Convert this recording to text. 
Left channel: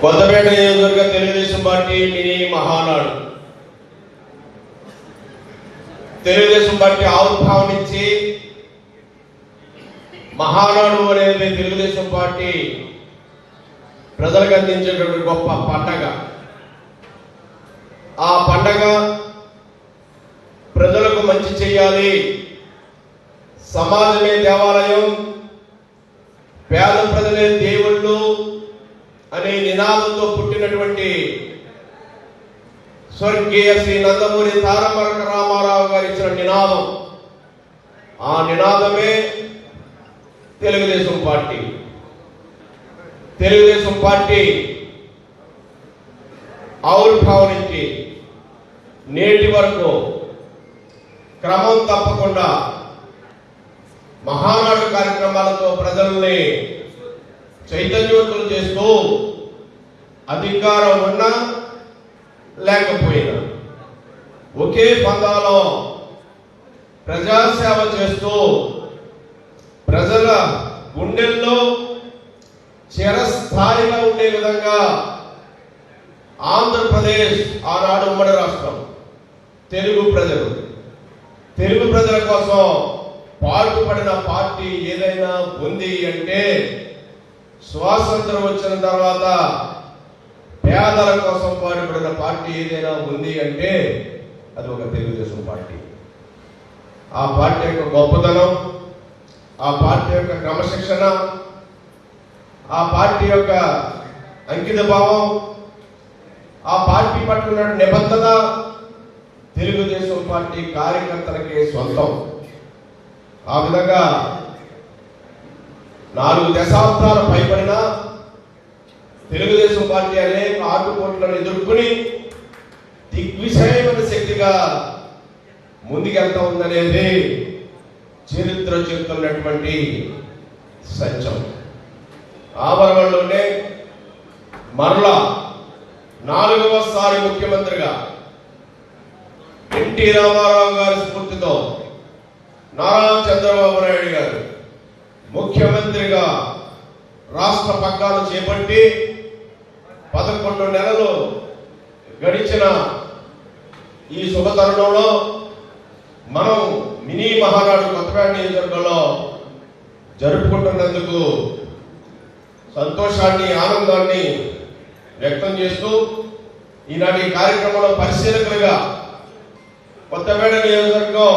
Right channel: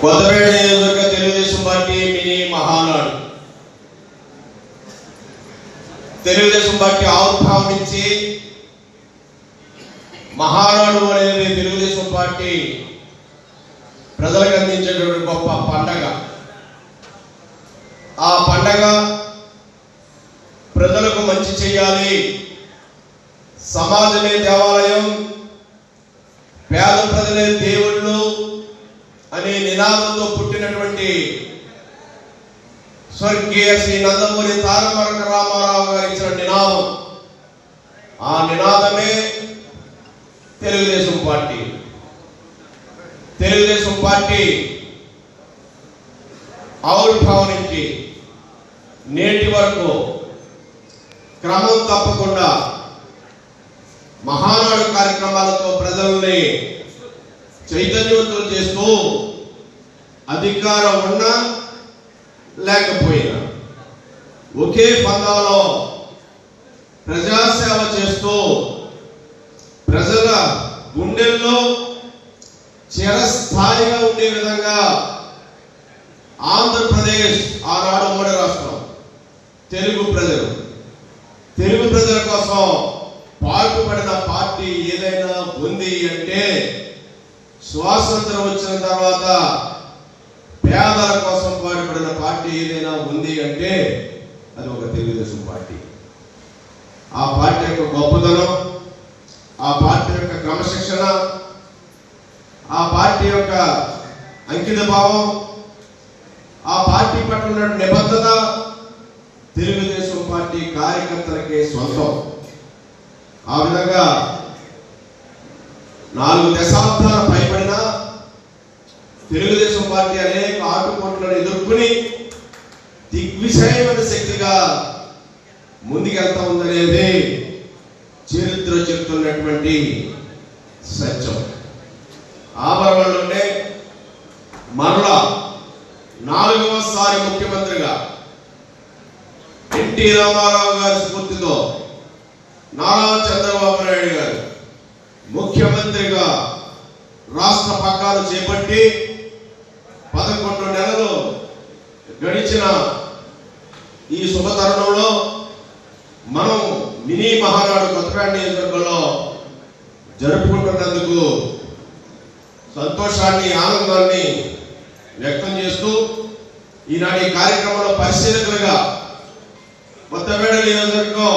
కొత్తపేట నియోజకవర్గ Telugu Desam party mini Mahanadu. Telugu Desam party ఆవిర్భావం నుంచి మహానాడు అనేది తెలుగుదేశం పార్టీ ప్రజలకు అందించేటువంటి గొప్ప పండగ. ఆ పండగ ప్రజలకు మంచి చేయాలి, సమాజమే దేవాలయం, పేద ప్రజలే దేవుళ్ళు అనే నినాదంతో పుట్టినటువంటి స్వర్గీయ శ్రీ నందమూరి తారక రామారావు గారు ఇచ్చిన నినాదం. ఆ నినాదమే తెలుగుదేశం పార్టీ. తెలుగుదేశం పార్టీ ఆవిర్భావం నుంచి నేటి వరకు క్రమం తప్పకుండా మహానాడు కార్యక్రమాలతో ప్రజల్ని చైతన్యవంతులు చేస్తూ అధికారం ఉన్నా లేకపోయినా ఒకే పదాలో ప్రజాసేవ చేస్తూ ప్రజల గుండెల్లో చిరస్థాయిగా ఉండే విధంగా ఆంధ్రప్రదేశ్ ఆనాడు ఉమ్మడి రాష్ట్రం తెలుగు ప్రజల కోసం పాటుపడిన పార్టీ ఏదైనా ఉంది అంటే, స్వాతంత్రం వచ్చిన తర్వాత పేదల కోసం పాటుపడిన పార్టీ ఏదైనా ఉంది అంటే అది ఒక తెలుగుదేశం పార్టీ. ఆ పార్టీ యొక్క గొప్పదనం, ఆ పార్టీ యొక్క క్రమశిక్షణ, ఆ పార్టీ యొక్క అంకిత భావం, ఆ పార్టీ పట్ల ఉన్న నిబద్ధత తెలుగుదేశం పార్టీ కార్యకర్తలకే సొంతం. ఆ విధంగా 4 దశాబ్దాలు పైబడిన తెలుగుదేశం పార్టీ అనేక ఆటుపోట్లను ఎదుర్కొని దిగ్విజయమైన శక్తిగా ముందుకెళ్తా ఉందనేది చరిత్ర చెప్తున్నటువంటి సత్యం. ఆభరణంలోనే మరలా 4వసారి ముఖ్యమంత్రిగా ఎన్టీ రామారావు గారి స్ఫూర్తితో నారా చంద్రబాబు నాయుడు గారు ముఖ్యమంత్రిగా రాష్ట్ర పగ్గాలు చేపట్టి 11 నెలలు గడిచిన ఈ శుభతరుణంలో మనం మినీ మహానాడు కొత్తపేట నియోజకవర్గంలో జరుపుకుంటున్నందుకు సంతోషాన్ని, ఆనందాన్ని వ్యక్తం చేస్తూ ఈనాటి కార్యక్రమంలో పరిశీలకులుగా కొత్తపేట నియోజకవర్గం